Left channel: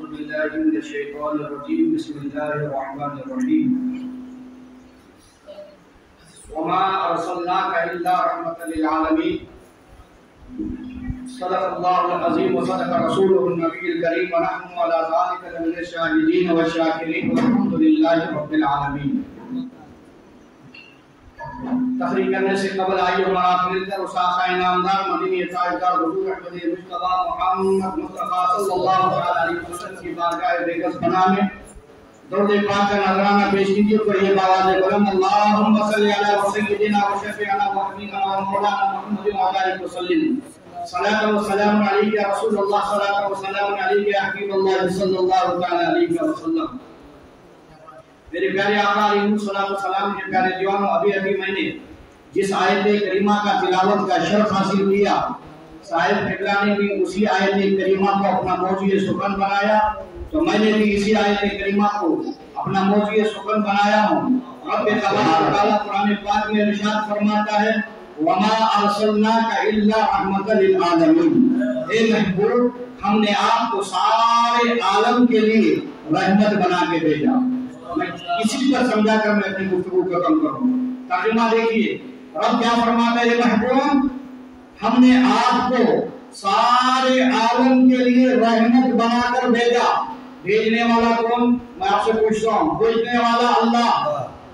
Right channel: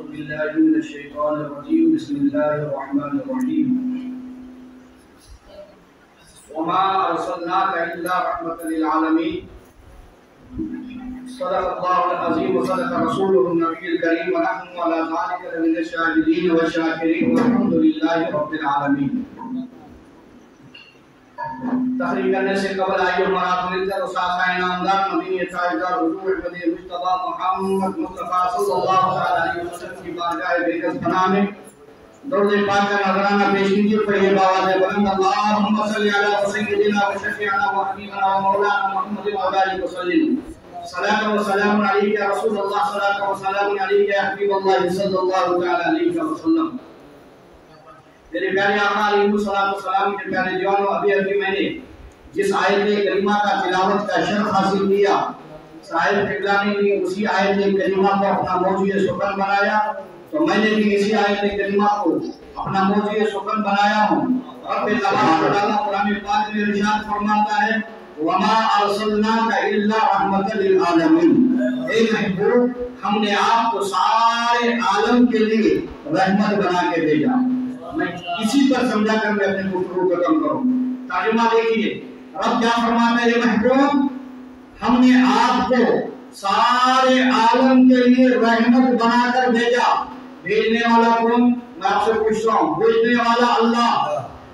أعوذ بالله من الشيطان الرجيم بسم الله الرحمن الرحيم وما أرسلناك إلا رحمة للعالمين صدق الله العظيم وصدق رسوله النبي الكريم ونحن على ذلك لمن الشاهدين والشاكرين والحمد لله رب العالمين. تحریر کرنے سے قبل آئیے ہمارا مل کر اساسہ انعامدار مدینی تاجدار حضور احمد مصطفیٰ محمد مصطفیٰ صلی اللہ علیہ وسلم کی بارگاہ بےکس پناہ میں درود پاک کا نذرانہ پیش کیجیے. پڑھیے بآواز بلند اللہم صلی علی سیدنا و شفیعنا و حبیبنا و مولانا محمد وعلى آلہ وسلم. صلاۃ و سلام علیک یا رسول اللہ، صلاۃ و سلام علیک یا حبیب اللہ صلی اللہ علیہ وسلم. میرے پیارے آقا علیہ السلام کے پیارے جوانوں، ابھی میں نے جس آیت کریمہ کا تلاوت کا شرف حاصل کیا، صاحب قبلہ نے بھی اسی آیت کریمہ کو اپنا موضوع سخن بنایا، تو میں نے بھی اسی آیت کریمہ کو اپنا موضوع سخن بنایا ہوں. رب تبارک و تعالیٰ قرآن پاک میں ارشاد فرماتا ہے وَمَا أَرْسَلْنَاكَ إِلَّا رَحْمَةً لِلْعَالَمِينَ. اے محبوب، ہم نے آپ کو سارے عالم کے لیے رحمت بنا کے بھیجا. میں اسی پر سمجھا کر میں اپنے گفتگو ختم کروں. ترجمہ دیکھیے، رب کیا فرماتا ہے محبوب، ہم نے آپ کو سارے عالم کے لیے رحمت بنا کر بھیجا. بھیجنے والا کون؟ میں آپ سے پوچھتا ہوں. بھیجنے والا اللہ،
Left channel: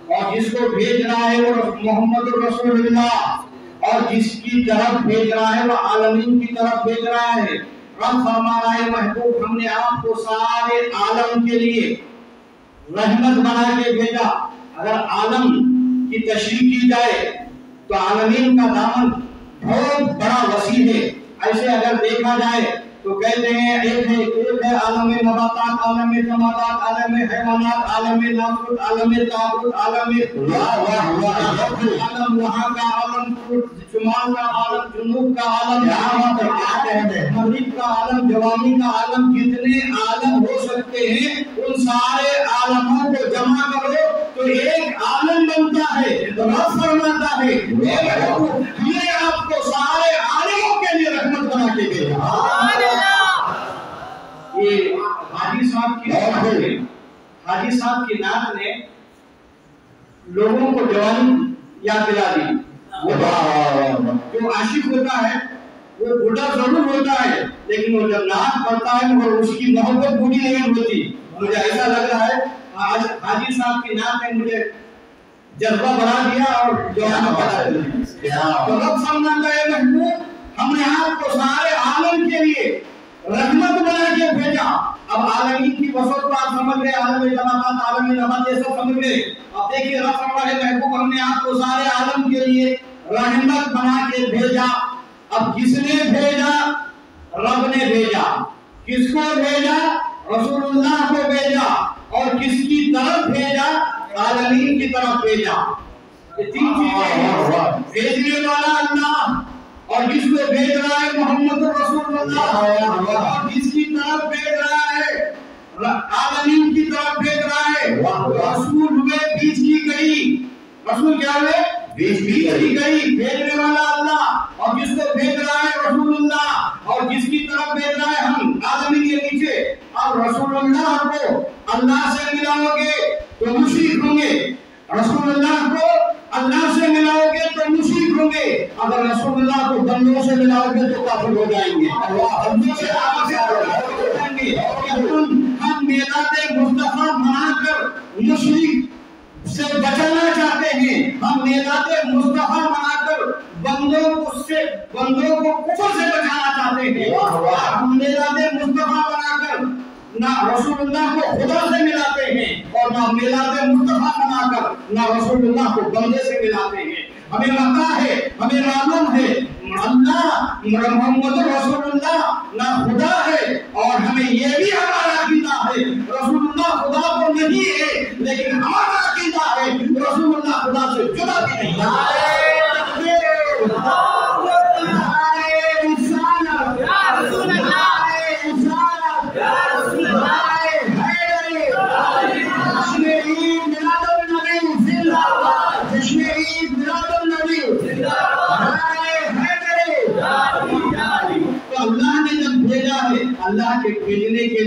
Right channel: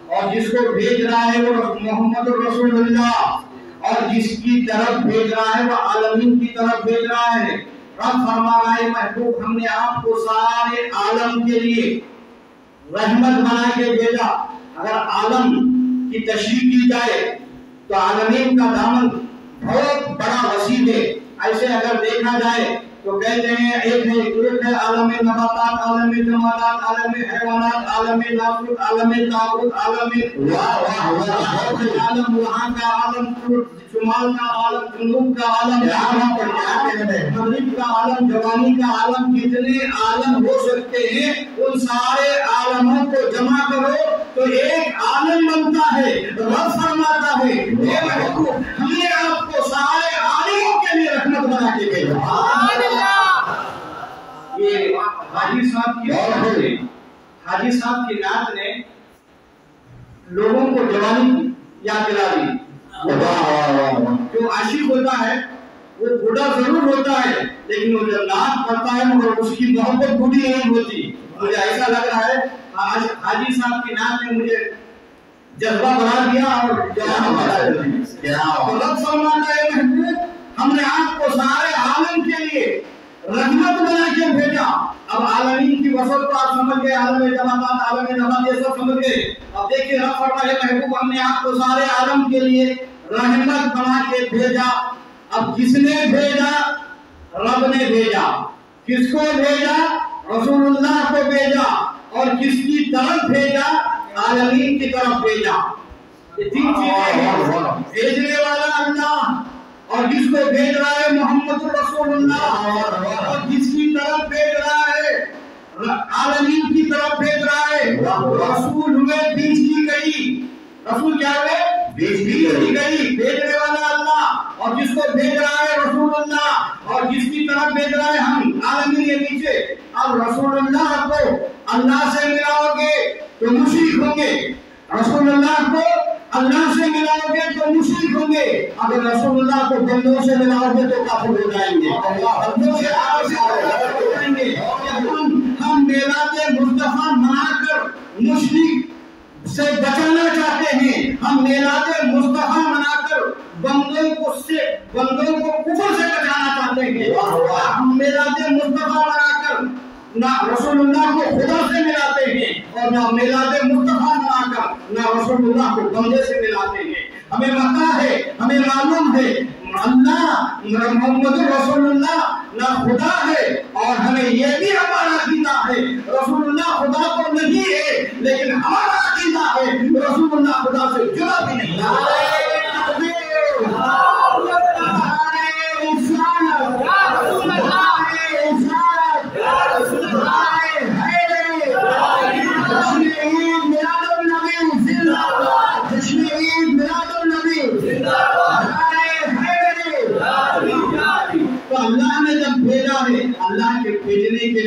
اور جس کو بھیج رہا ہے وہ محمد رسول اللہ، اور جس کی طرف بھیج رہا ہے وہ عالمین کی طرف بھیج رہا ہے. رب فرما رہا ہے محبوب، ہم نے آپ کو سارے عالم کے لیے رحمت بنا کے بھیجا. اگر عالم کی تشریح کی جائے تو عالمین کا دامن بہت بڑا وسیع ہے. ایسے اگر دیکھا جائے تو کہتے ہیں ایک ہے عالم نباتات، عالم جمادات، عالم حیوانات، عالم ناموت، عالم تعبد، عالم عالم وہاں کا عالم، شمال کا عالم، جنوب کا عالم، مغرب کا عالم، جوانی کا عالم. جتنے عالم ہو سکتے ہیں ان سارے عالموں کو جمع کرو تو ایک عالم بنتا ہے. رب فرماتا ہے ہم نے آپ کو سارے عالموں کے لیے رحمت بنا کے بھیجا. یہ حاجی صاحب کی نعت نے لوگوں کو جوانی یاد دلا دی. جو عاشق ہوتا ہے وہ بوڑھا ضرور ہوتا ہے لیکن وہ جب نعت پڑھتا ہے مگر اس کی محبت بوڑھی نہیں ہوتی. مجھے ایسا لگ رہا ہے آج حاجی صاحب کی نعت نے مجھے جذبہ بنا دیا اور جوانی بنا دیا. رب فرماتا ہے محبوب، ہم نے آپ کو سارے عالم کے لیے رحمت بنا کے بھیجا. اب عالمین کی وسعت کو آپ سمجھ گئے، عالم جمادات، عالم نبات، یہ سب سمجھ گئے. اب دیکھیے رب فرماتا ہے محبوب، ہم نے آپ کو سارے عالم کے لیے رحمت بنا کے بھیجا. اب کس نے بھیجا؟ رب نے بھیجا. کس کو بھیجا؟ رسول اللہ کو بھیجا. اور کس کی طرف بھیجا؟ عالمین کی طرف بھیجا. یہ تین چیزیں ہیں. بھیجنے والا اللہ، اور جس کو بھیج رہا ہے محمد رسول اللہ، اور جس کی طرف بھیج رہا ہے عالمین کی طرف بھیج رہا ہے. رسول ہوئے بیچ کی گئی. رسول کیا ہوئے؟ بیچ کی گئی. بھیجنے والا اللہ، اور جس کو بھیج رہا ہے رسول اللہ، اور جس کی طرف بھیج رہا ہے ہم عالمین کے پیچھے. اب رسول اللہ کو اللہ سے ملاؤ گے تو مشرک ہوں گے، رسول اللہ کو اللہ سے ملاؤ گے تو مشرک ہوں گے. اگر رسول اللہ کو بندوں سے ملاؤ گے تو کافر ہو جائیں گے. بندوں سے ہو جائیں گے. ہم میلاد مصطفیٰ منا کر مشرک سے بچانا چاہتے ہیں. ہم میلاد مصطفیٰ منا کر بندوں کو کفر سے بچانا چاہتے ہیں. ہم میلاد مصطفیٰ منا کر نہ رسول اللہ کو خدا سے ملاتے ہیں اور نہ میلاد مصطفیٰ منا کر نہ رسول اللہ کو بندے سے ملاتے ہیں. ہمیں پتہ ہے، ہمیں معلوم ہے اللہ محمد رسول اللہ نہ خدا ہے، اور ہمیں یہ بھی ہمارا عقیدہ ہے رسول اللہ خدا تو نہیں ہے، لیکن ہمارا عقیدہ ہے رسول اللہ خدا سے جدا بھی نہیں ہے. اللہ کے بھیجنے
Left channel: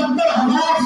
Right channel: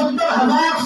70,000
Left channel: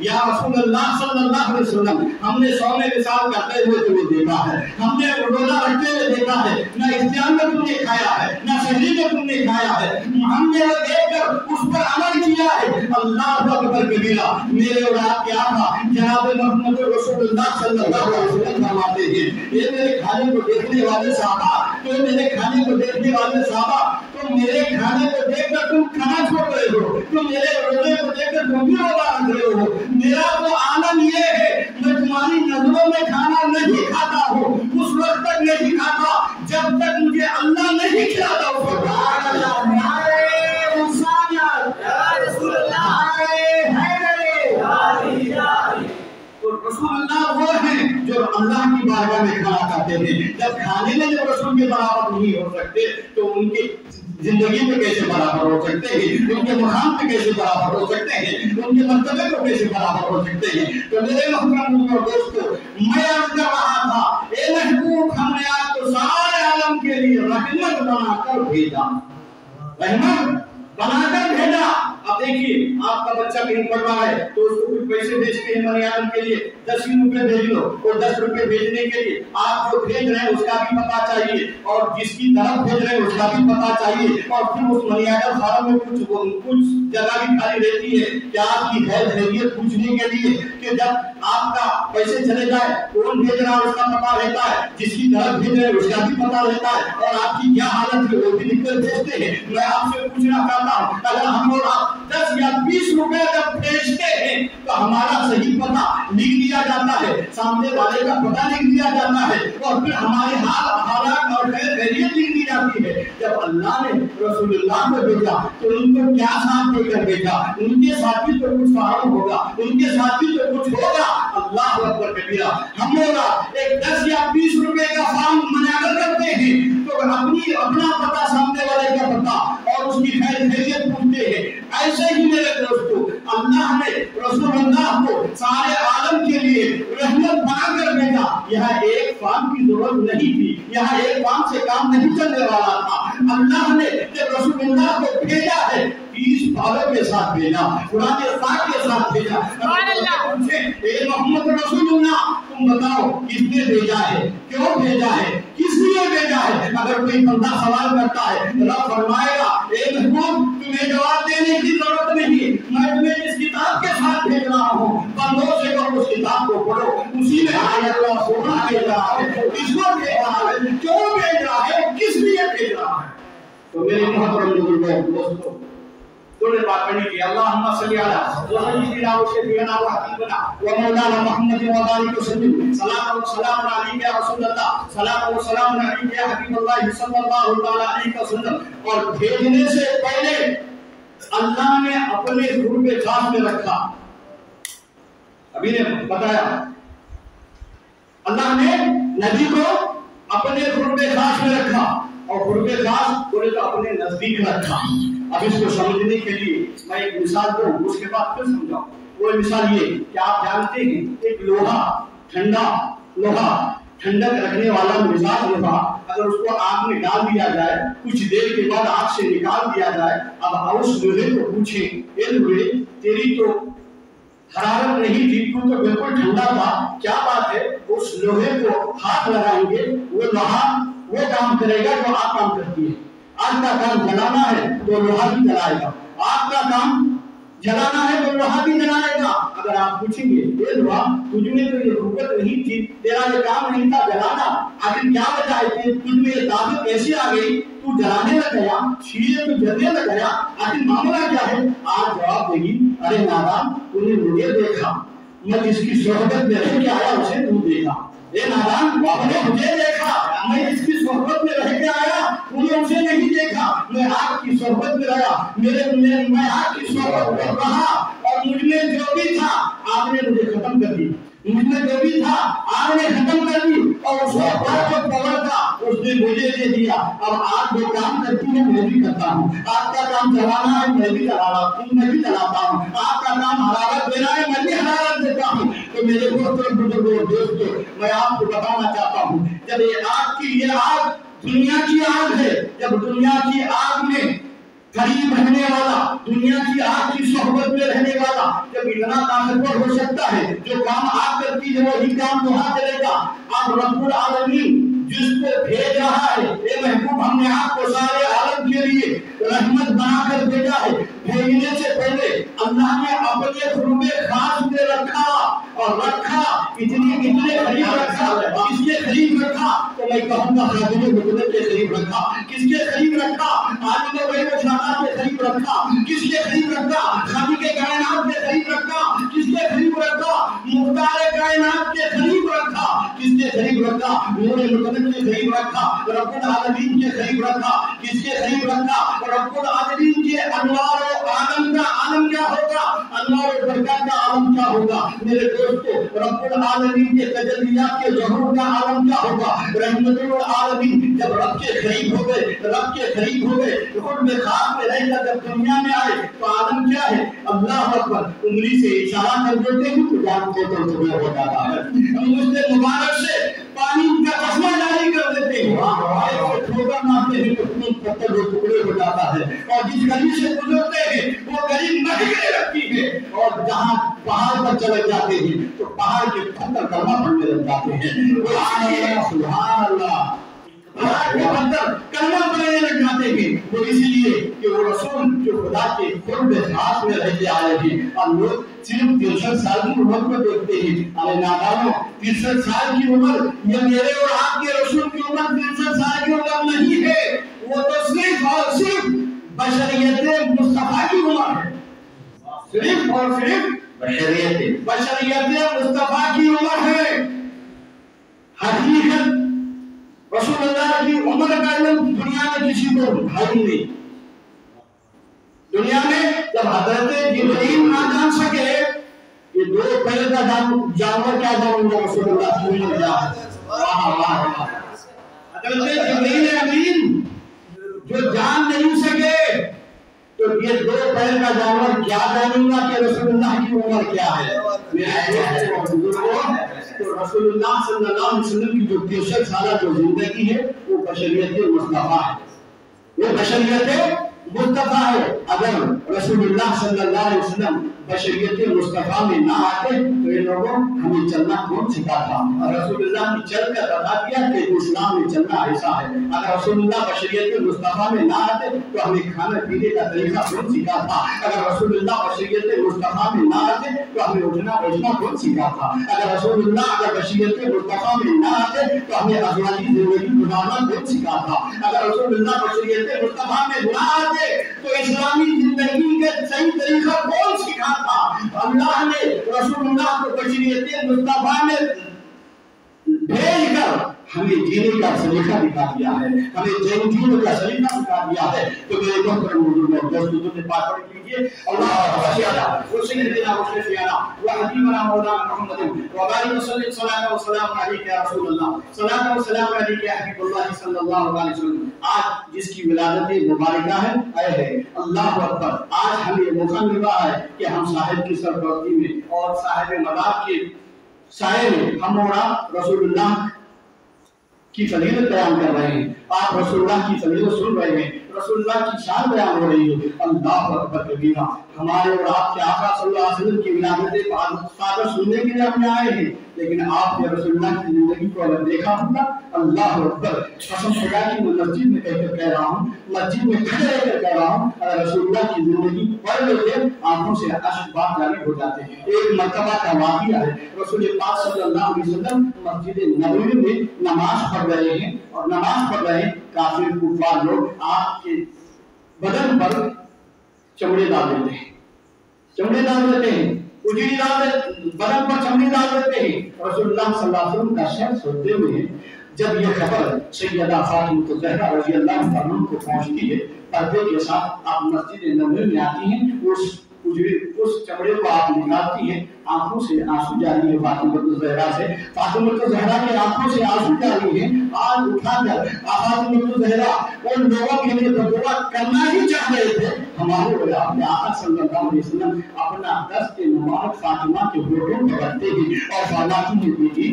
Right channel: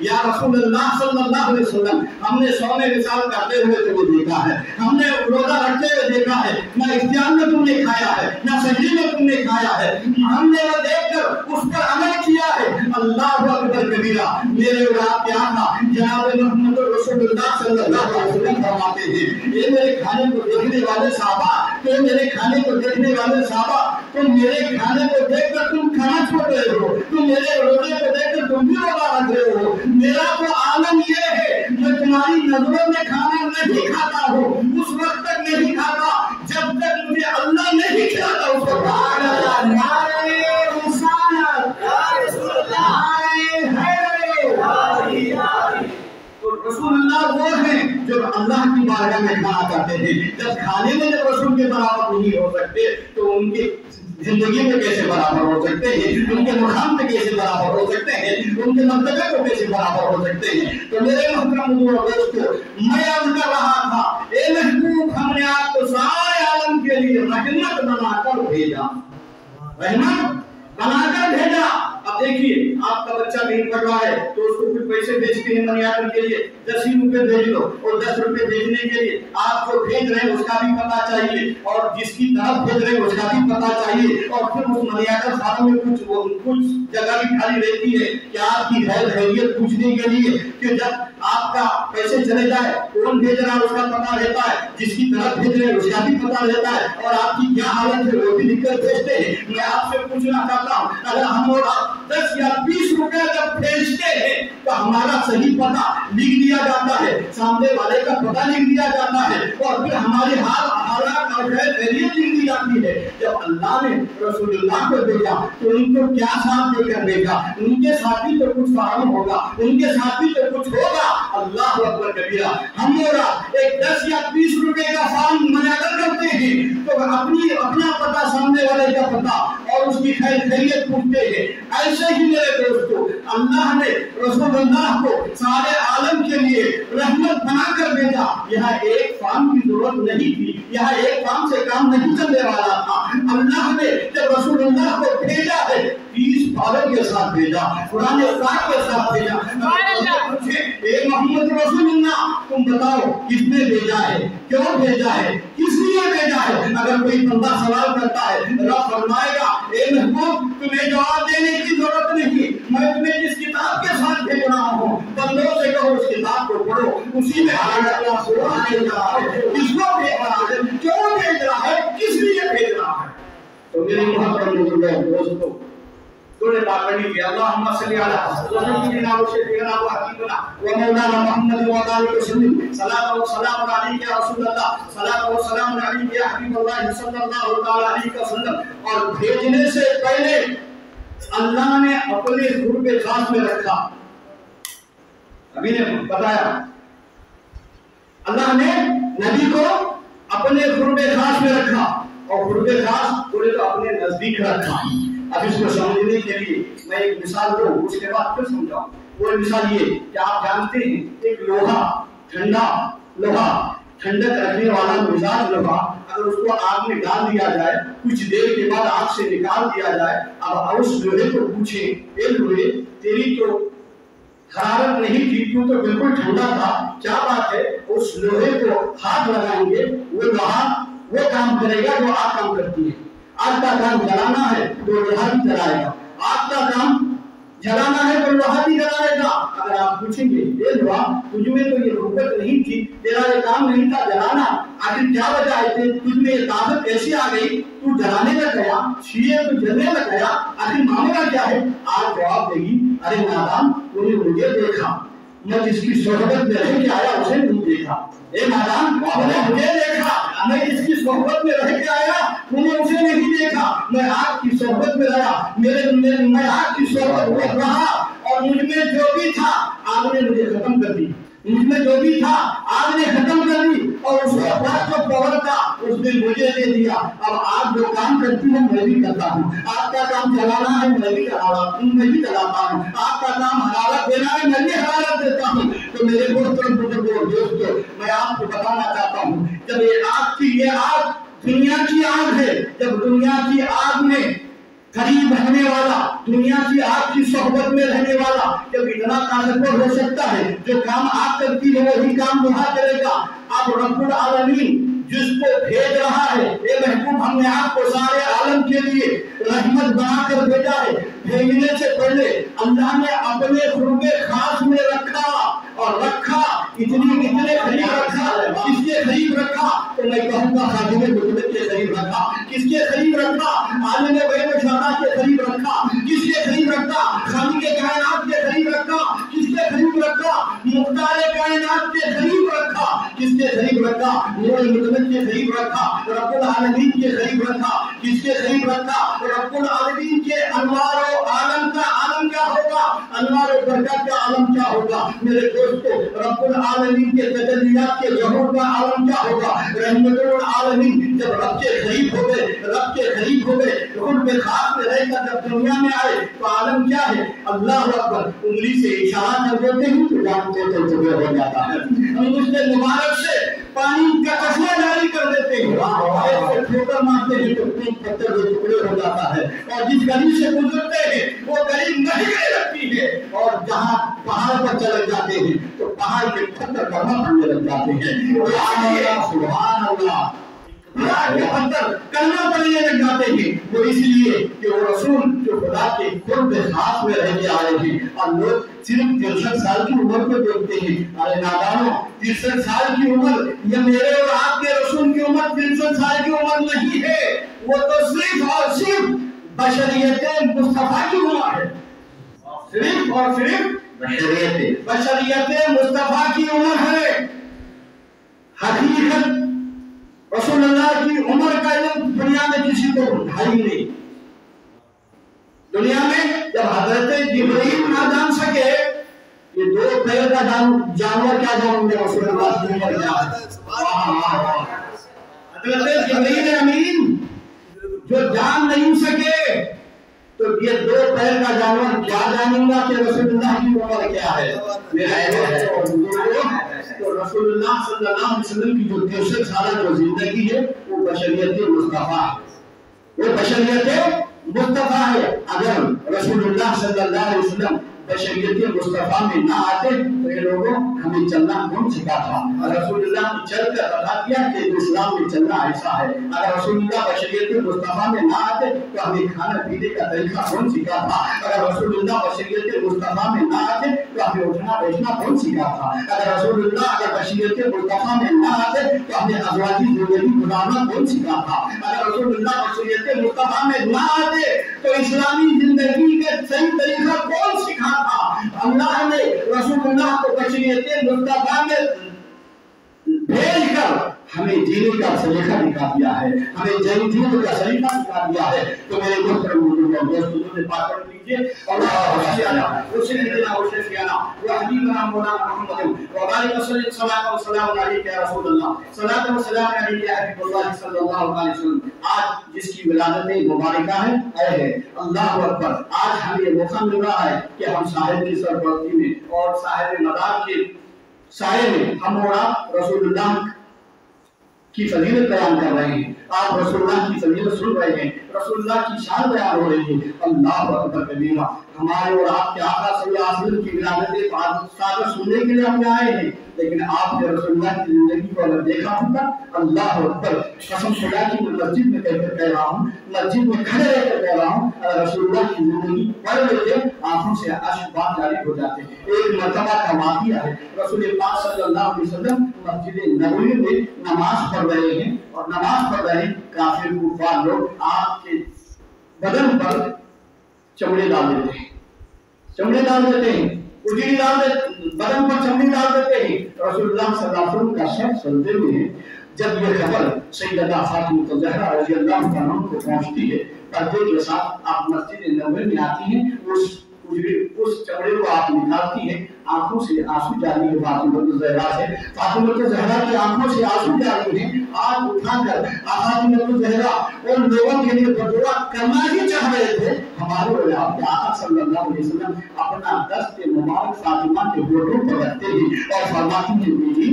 یا رسول اللہ صلی اللہ علیہ وسلم ہم نے سو میں وصال کرتے ہوئے تمہیں دیکھا ہے، ہم نے روزہ رکھتے ہوئے دیکھا ہے، نہ اختیار میں تم نے کھایا ہے نہ سحری میں تم نے کھایا ہے، ہم نے وہ دیکھ کر اس پر عمل کیا ہے۔ اللہ اکبر کبیرہ، میرے اور آپ کے آقا جناب محمد رسول اللہ صلی اللہ علیہ وسلم فرماتے ہیں یہ میرے کھانے کو دیکھنے والے صحابہ، تو میرے کھانے کو دیکھنے والے صحابہ، تم میرے کھانے کو دیکھ کر تم کھانا چھوڑ رہے ہو، تم میرے روزے کو دیکھ کر تم بھی روزہ رکھ رہے ہو۔ میرا تو عالم یہ ہے میں تمہاری نظروں میں کھانا نہیں کھاتا ہوں، اس وقت تک نہیں کھاتا جب تک مجھے اللہ نہیں کھلاتا۔ اس وقت رسول اللہ وہ ہیں جو اللہ کی بارگاہ میں کھانا کرتے ہیں، جب کھانے میں جب رسول کے برابر نہیں ہو سکتے تو ان کی زندگی میں کیسے برابر ہو سکتے ہیں، ان کے مقام پہ کیسے برابر ہو سکتے ہیں، ان کے مرتبے کو کیسے برابر ہو سکتے ہیں۔ تو میرے محترم حضور اور دوستو، میں عرض کر رہا تھا اے محبوب ہم نے آپ کو سارے عالم کے لیے رحمت بنا کر بھیجا، رحمت بنا کر بھیجا۔ اب دیکھیے آپ کا بچہ کہیں پڑھ رہا ہے تو اس کو کچھ پیسے بھیجتے ہیں منی آرڈر کے لیے، 10 روپے بھیج لو، اور 10 روپے بھیجنے کے لیے آپ جو بھیج رہے ہیں اس کا بھی پتہ چاہیے، اور جس کی طرف بھیج رہے ہیں اس کا بھی پتہ چاہیے، اور پھر اس منی آرڈر فارم میں کچھ جگہ بھی خالی رہتی ہے کہ آپ کی خیریت پوچھنے کے لیے، کہ جب آپ کا پیسے چلے جائے کون بھیج رہا ہے اس کا پتہ رہتا ہے، جس کی طرف بھیج رہے ہیں اس کا بھی پتہ رہتا ہے، اور آپ کی کیا حالت ہے وہ بھی لکھ کر بھیجتے ہیں۔ میں آپ سے پوچھنا چاہتا ہوں اگر ہم اور آپ 10 یا 20 روپے جب بھیجتے ہیں تو ہمارا صحیح پتہ لکھ دیا جاتا ہے، سامنے والے کا پتہ لکھ دیا جاتا ہے، اور پھر ہماری حالات اور خیریت لکھ دی جاتی ہے۔ جب اللہ نے رسول اللہ کو بھیجا تو ان کو کیا ساتھ دے کر بھیجا، ان کے ساتھ بھی تو کچھ فارم ہوگا، ان کے ساتھ بھی تو کچھ ہوگا۔ اللہ اکبر کبیرہ، ہم لوگ ایک 10 یا 20 روپے کا فارم منعقد کرتے ہیں تو اپنا پتہ سامنے والے کا پتہ اور اس کی خیریت پوچھتے ہیں۔ ایسے ہی میرے دوستو اللہ نے رسول اللہ کو سارے عالم کے لیے رحمت بنا کر بھیجا۔ یہاں ایک فارم کی ضرورت نہیں تھی، یہاں ایک فارم سے کام نہیں چلنے والا تھا۔ اللہ نے جب رسول اللہ کو بھیجا ہے 30 پاروں کے ساتھ بھیجا، قرآن پاک کے ساتھ بھیجا۔ اے محمد رسول اللہ تم بتاؤ کس نے بھیجا ہے، کیوں بھیجا ہے، کس لیے بھیجا ہے؟ اگر کوئی بندہ سوال کرتا ہے رب فرمائے گا اے محبوب تمہیں جواب دینے کی ضرورت نہیں، میں تمہیں جس کتاب کے ساتھ بھیج رہا ہوں بندوں سے کہو اس کتاب کو پڑھو، اسی میں اللہ سبحانہ بھیج رہا ہے، کس کو بھیج رہا ہے، کیوں بھیج رہا ہے، کس لیے بھیج رہا ہے۔ تو میرے محترم بزرگوں دوستو سورہ پاک پڑھی کہ اللہم صلی علی سیدنا و شفیعنا و حبیبنا و مولانا محمد و بارک وسلم، صلاۃ و سلام علیک یا رسول اللہ، صلاۃ و سلام علیک یا حبیب اللہ صلی اللہ تعالی علیہ وسلم۔ اور بھیجنے سے پہلے اللہ نے اپنے قرب خاص میں رکھا، ابھی نے بتایا اللہ نے نبی کو اپنے قرب خاص میں رکھا، اور قرب خاص بولے تو اپنے نزدیک رکھا۔ اب اس کو سمجھنے کے لیے میں ایک مثال دوں، اس کے بعد پھر سمجھاؤں۔ وہ مثال یہ کہ آپ جانتے ہیں ایک لوہا، ٹھنڈا لوہا، ٹھنڈک رکھنے والا مزاج لوہا، اگر اس کو آگ میں ڈال دیا جائے کچھ دیر کے بعد آگ سے نکال دیا جائے، اب اس لوہے کو پوچھیں اے لوہے تیری تو حرارت نہیں تھی، تو بالکل ٹھنڈا تھا، کیا بات ہے؟ اس لوہے کو ہاتھ لگائیں گے وہ لوہا وہ کام کرے گا جو آگ کام کرتی ہے۔ آگ کا کام جلانا ہے تو لوہا بھی جلائے گا، آگ کا کام جلانا ہے تو لوہا بھی جلائے گا۔ اگر آپ پوچھیں گے اے لوہا تجھ میں تو یہ قوت نہیں تھی، تیرا یہ کام نہیں تھا جلانا، آخر کیا وجہ ہے تجھ میں یہ طاقت کیسے آ گئی، تو جلانے لگ گیا، شیعے تو جلنے لگ گیا، آخر معاملہ کیا ہے؟ آج جواب دے گی ارے نادان تو نے مجھے دیکھا، میں جس کی صحبت میں رہ کے آیا اسے نہیں دیکھا۔ اے نادان آپ نے مجھے دیکھا، میں جس کی صحبت میں رہ کے آیا انہیں اسے نہیں دیکھا، میں آپ کی صحبت میں رہا، میں آپ کی صحبت میں رہا، اور مجھ میں جو بھی تھا آپ نے مجھے ختم کر دی، مجھ میں جو بھی تھا آپ نے ختم کر دی، اور اس کے بعد جو پاور تھا اس نے مجھے دے دیا۔ اب آپ جو کام کرتی ہیں میں بھی کرتا ہوں، آپ کا کام چلانا ہے میں بھی چلاتا ہوں، آپ کا کام حرارت دینا ہے میں بھی حرارت دیتا ہوں۔ تو میرے محترم بزرگوں دوستو میں آپ کو بتانا چاہتا ہوں جب یہ آگ دنیا کی آگ ہے، جب دنیا کی آگ میں قریب رہنے کمانے والا، دنیا کی آگ کی صحبت میں رہنے والا جب اتنا طاقتور ہو سکتا ہے، جو کام آگ کرتی ہے وہی کام لوہا کرے گا، اب رب العالمین جس کو بھیج رہا ہے، اے محبوب ہم نے آپ کو سارے عالم کے لیے رحمت بنا کر بھیجا ہے، بھیجنے سے پہلے اللہ نے اپنے قرب خاص میں رکھا اور رکھا، اتنے قریب رکھا، کس کے قریب رکھا؟ تو میں کہوں گا خادم مطلق کے قریب رکھا، کس کے قریب رکھا؟ عالم غیب و شہادت کے قریب رکھا، کس کے قریب رکھا؟ خالق کائنات کے قریب رکھا، کس کے قریب رکھا؟ مختار کائنات کے قریب رکھا، کس کے قریب رکھا؟ نور مطلق کے قریب رکھا، رب العالمین کے قریب رکھا، کس کے قریب رکھا؟ رب العالمین کے انوار و عالم کا عالم کیا ہوگا؟ انوار و برکات کا عالم کیا ہوگا؟ میرے دوستو، رب العالمین کے تجلیات کے ظہور کا عالم کیا ہوگا؟ رحمت العالمین جب رب کے قریب ہو گئے، رب کے قریب ہو گئے، قرب خاص میں رہ کر جب دنیا میں آئے تو عالم کیا ہے؟ اللہ اکبر، انگلی سے اشارہ کر دیتے ہیں تو جانتے تو طبیعت ہو جاتا ہے، انگشت مبارک سے پانی کا چشمہ جاری کر دیتے ہیں، ایک سے ٹھوکر مارتے ہیں تو پتھر دو ٹکڑے ہو جاتا ہے، اور جس گلی سے گزرتے ہیں وہ گلی مہکنے لگتی ہے، اور جہاں پہاڑ پر چلے جاتے ہیں تو پہاڑ کے پتھر کلمہ پڑھنے لگ جاتے ہیں، سبحان اللہ، پہاڑ کے پتھر کلمہ پڑھنے لگ جاتے ہیں، وہ اس لیے کہ وہ رسول جو خدا کے قرب خاص میں رہ کے آئے ہیں، اور لوگ صرف 63 سال کی عمر کو دیکھتے ہیں، ارے نادانوں، 63 سال کی عمر یہ میرے اور آپ کے رسول کی عمر 63 سال کی عمر نہیں ہے، وہ تو صرف اور صرف بشریت مصطفیٰ کی عمر ہے، صرف اور صرف بشریت مصطفیٰ کی عمر ہے۔ حقیقت رسول اللہ کی عمر کا علم دنیا میں کسی کو ہے ہی نہیں، دنیا میں جب حضرت جبرائیل نہ جان سکے یہ دو پیر کا جانور کیا جانوں گا رسول اللہ کی عمر کیا ہے، حضرت جبرائیل امین جو جان نہیں سکے تو یہ دو پیر کا جانور کیا جانوں گا کہ رسول اللہ کی عمر کیا ہے۔ تو رسول اللہ صلی اللہ علیہ وسلم کی جو 63 سالہ جو زندگی ہے وہ بشریت مصطفیٰ ہے، وہ بشریت مصطفیٰ ہے۔ اگر رسول اللہ صلی اللہ علیہ وسلم بشریت مصطفیٰ میں نہ آتے تو یہ لوگوں ہمیں چلنا کون سکھاتا؟ رسول اللہ نے چل کر بتا دیا کہ اسلام میں چلنا ایسا ہے۔ اگر رسول اللہ بشریت مصطفیٰ میں نہ آتے تو ہمیں کھانا پینے کا طریقہ کون سکھاتا؟ اگر رسول اللہ بشریت مصطفیٰ میں نہ آتے تو ہمیں اٹھنا بیٹھنا کون سکھاتا؟ اگر رسول اللہ اگر بشریت مصطفیٰ میں نہ آتے تو ہمیں ازواجی زندگی گزارنا کون سکھاتا؟ اگر رسول اللہ بشریت مصطفیٰ میں نہ آتے تو اسلامی زندگی کا صحیح طریقہ کون سکھاتا؟ اللہ نے رسول اللہ کو بشریت مصطفیٰ میں بھیج کر ہمیں جینے کا سلیقہ دکھا دیا ہے، ہمیں جینے کا سلیقہ دکھا دیا ہے۔ تو میرے محترم دوستوں نے پاک پڑھ لیجیے، اللہ سیانا وسیدنا وشفیعنا وحبیبنا مولانا محمد وبارک وسلم صلاۃ و سلام علیک یا رسول اللہ، صلاۃ و سلام علیک یا حبیب اللہ صلی اللہ علیہ وسلم۔ آج جس کی ولادت مبارکہ ہے اللہ اکبر، آج ہمیں موقع مل رہا ہے کہ ہم صاحب کی سرپرستی میں اور صاحب مدار کے سائے میں ہم اور آپ رسول اللہ کی فضیلت بیان کر رہے ہیں، آپ رسول اللہ کی فضیلت سن رہے ہیں، رسول اللہ کی شان بیان ہو رہی ہے۔ اللہ اکبر کبیرہ، ہمارے اور آپ کے آقا صلی اللہ علیہ وسلم کی ولادت سادہ سننے کے لیے ہم آئے ہیں، لیکن آپ نے رسول اللہ کی زندگی کو اگر دیکھا ہوتا، اللہ اکبر، قسم خدا کی میں مسجد میں کہہ رہا ہوں، مسجد میں کھڑے رہ کر کہہ رہا ہوں، اگر رسول اللہ کی زندگی پڑھ لیتے آنکھوں سے اشک بات جاری ہو جاتے ہیں۔ ایک مرتبہ کا واقعہ ہے، رسول پاک صلی اللہ علیہ وسلم مسجد نبوی میں نماز پڑھ رہے ہیں، اور نماز پڑھ رہے ہیں، کافر کفار لوگ آپ کے بدن پر چمڑے ڈال دیتے ہیں، چمڑے ڈال دیتے ہیں، اجڑی ڈال دیتے، بدن پر چمڑی ڈال دیتے ہیں۔ رسول اللہ صلی اللہ علیہ وسلم کا سر سجدے میں ہے۔ جب یہ خبر سیدہ فاطمہ زہرا رضی اللہ عنہا کو پہنچتی ہے، پردے کے ساتھ آپ مسجد نبوی میں آتی ہیں، اس چمڑے کو آپ نکالتی ہیں، آنکھوں سے آنسو جاری ہے فاطمہ زہرا سے، فاطمہ زہرا کے آنکھوں سے آنسو جاری ہیں۔ آج اٹھا کر فاطمہ زہرا ان لوگوں کے لیے دعا کرنا ہی چاہ رہے تھے، ہمارے اور آپ کے آقا صلی اللہ علیہ وسلم اپنا دست مبارک فاطمہ کے ہونٹوں پر رکھتے ہیں اور فرماتی ہیں بیٹی